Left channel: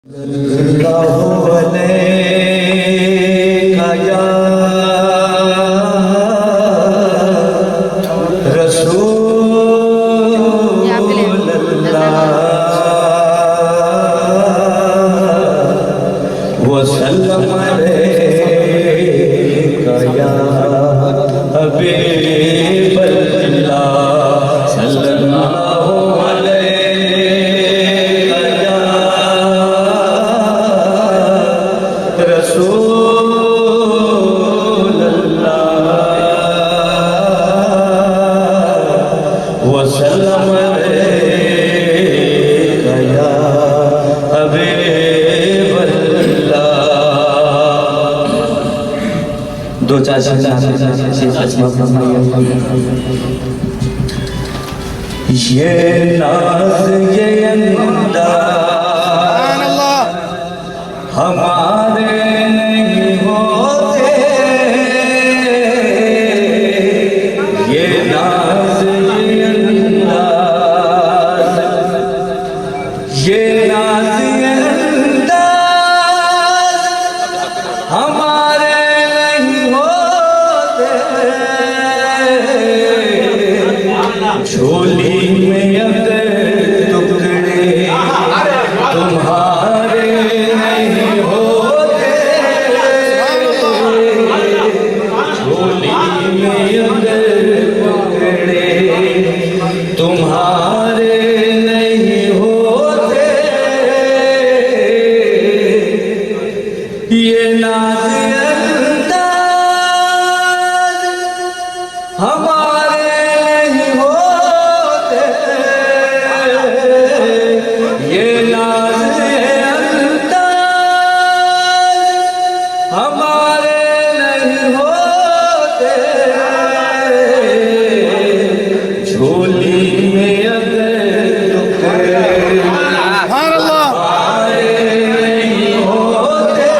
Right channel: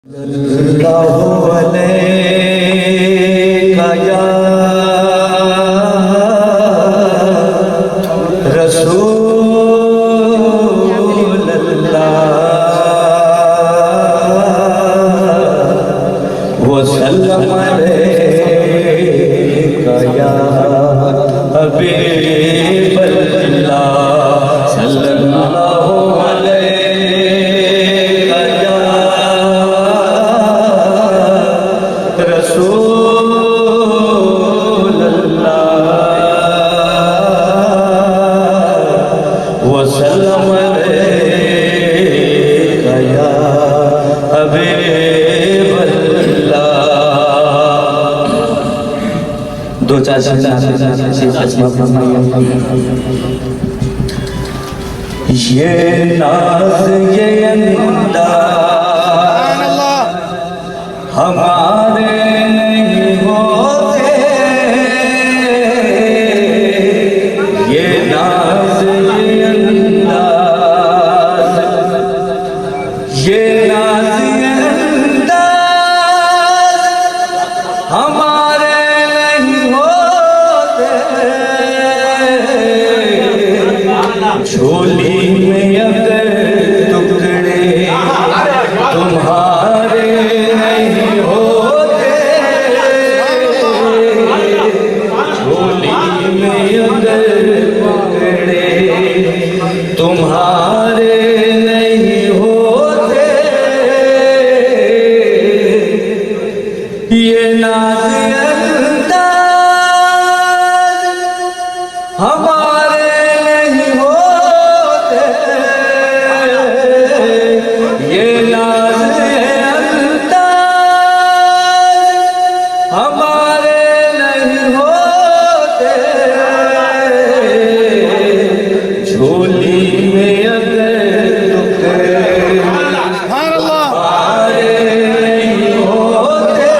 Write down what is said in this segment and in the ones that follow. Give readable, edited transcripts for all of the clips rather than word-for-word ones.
दो चार शब्द ये नाज ये अंदाज़ हमारे नहीं होते, ये नाज ये अंदाज़, ये नाज ये अंदाज़ हमारे नहीं होते। झोली में अगर टुकड़े तुम्हारे नहीं होते, झोली में अगर टुकड़े तुम्हारे नहीं होते, ये नाज़ अंदाज़ हमारे नहीं होते, ये नाज़ अंदाज़ हमारे नहीं होते। झोली में अगर टुकड़े हमारे नहीं होते,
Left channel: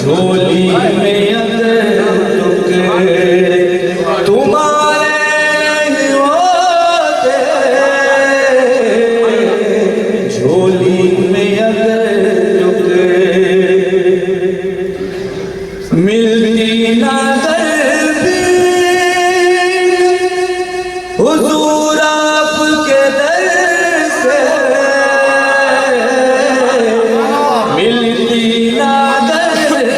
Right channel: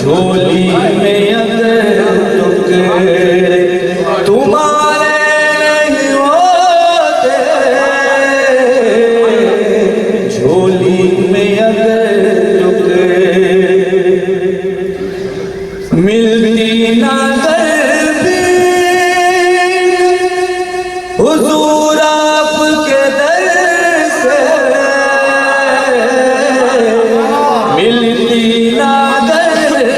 झोली में अगर टुकड़े तुम्हारे नहीं होते, झोली में अगर टुकड़े मिलती ना दर्दी हुजूर आपके दर से, मिलती ना दर्दी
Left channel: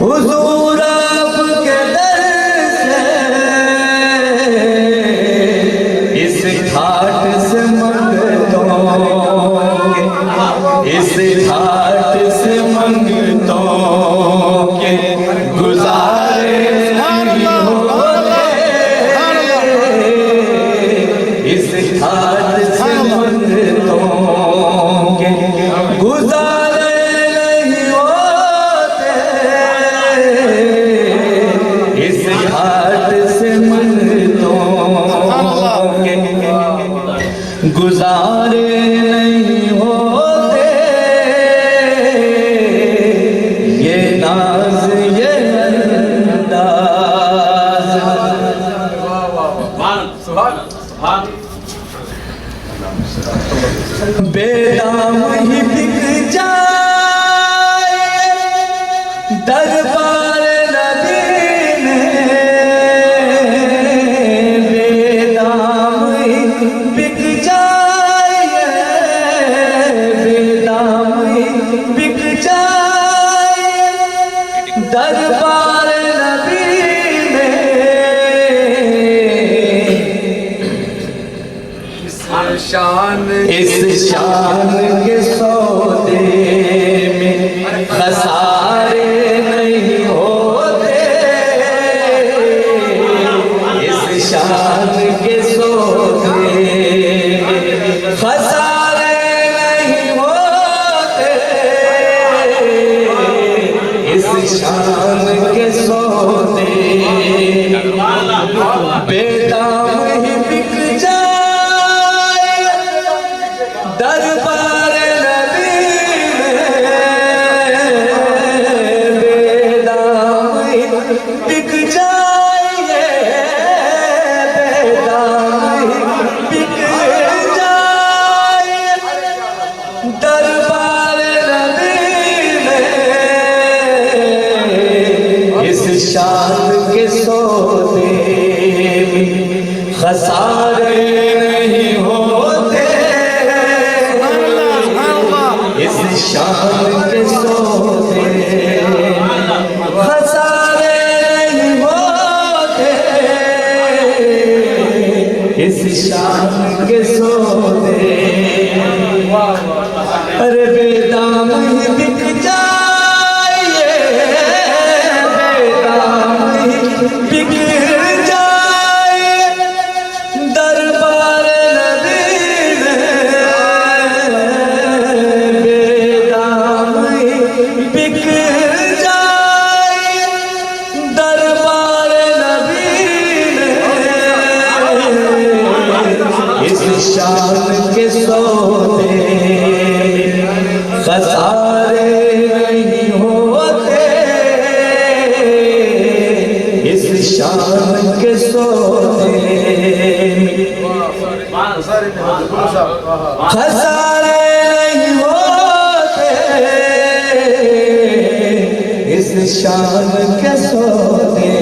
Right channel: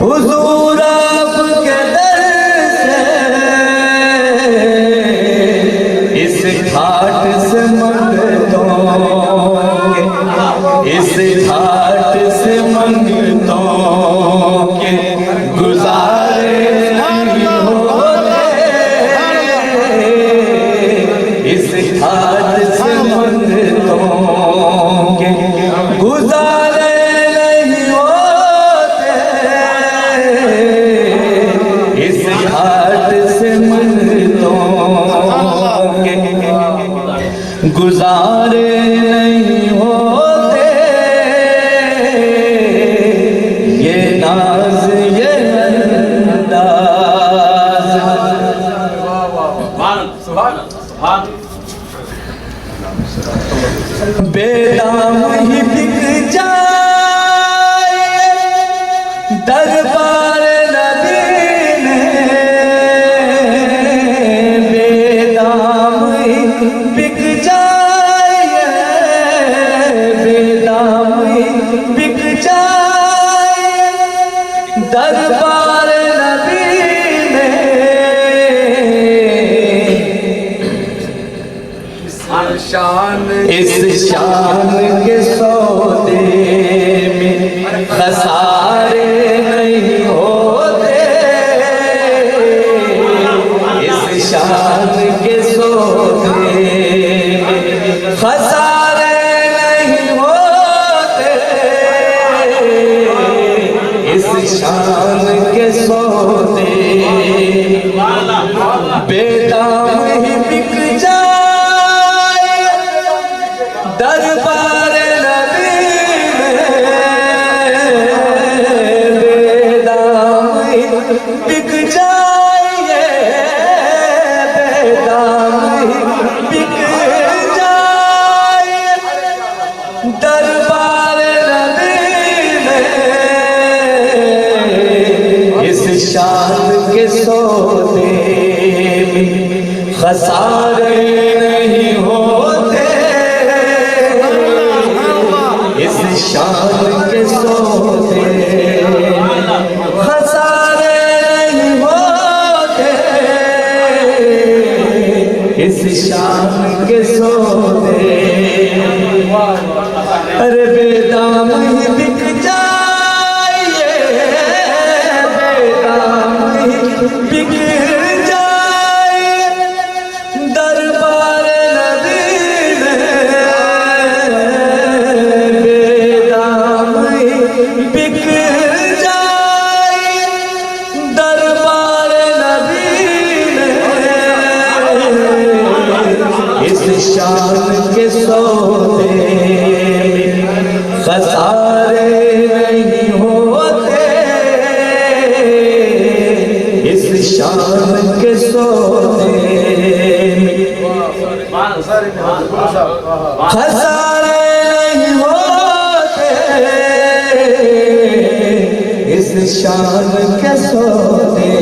हुजूर आपके दर से, इस घाट से मंगतों के, इस घाट से मंगतों के गुजारे नहीं होते, इस घाट से मंगतों के गुजारे नहीं होते, इस घाट से मंगतों के गुजारे नहीं होते, ये नाज ये अंदाज़ बेदाम ही बिक जाए दरबार नबी में, बेदाम ही बिक जाए, बेदाम ही बिक जाए दरबार नबी में, इस शान के सौदे में खसारे नहीं होते, इस शान के सौदे में खसारे नहीं होते, इस शान के सौदे बेदाम ही बिक जाए दरबार नबी में, बेदाम ही बिक जाए, बेदाम ही शान के सौदे में खसारे नहीं होते, इस शान के सौदे में खसारे नहीं होते, इस शान के सौदे। अरे बेदाम ही बिक जाए, बेदाम ही बिक जाए दरबार नबी में, बेदाम ही बिक जाए दरबार नबी में, इस शान के सौदे खसारे नहीं होते, इस शान के सौदे खसारे नहीं होते, इस शान के सौदे।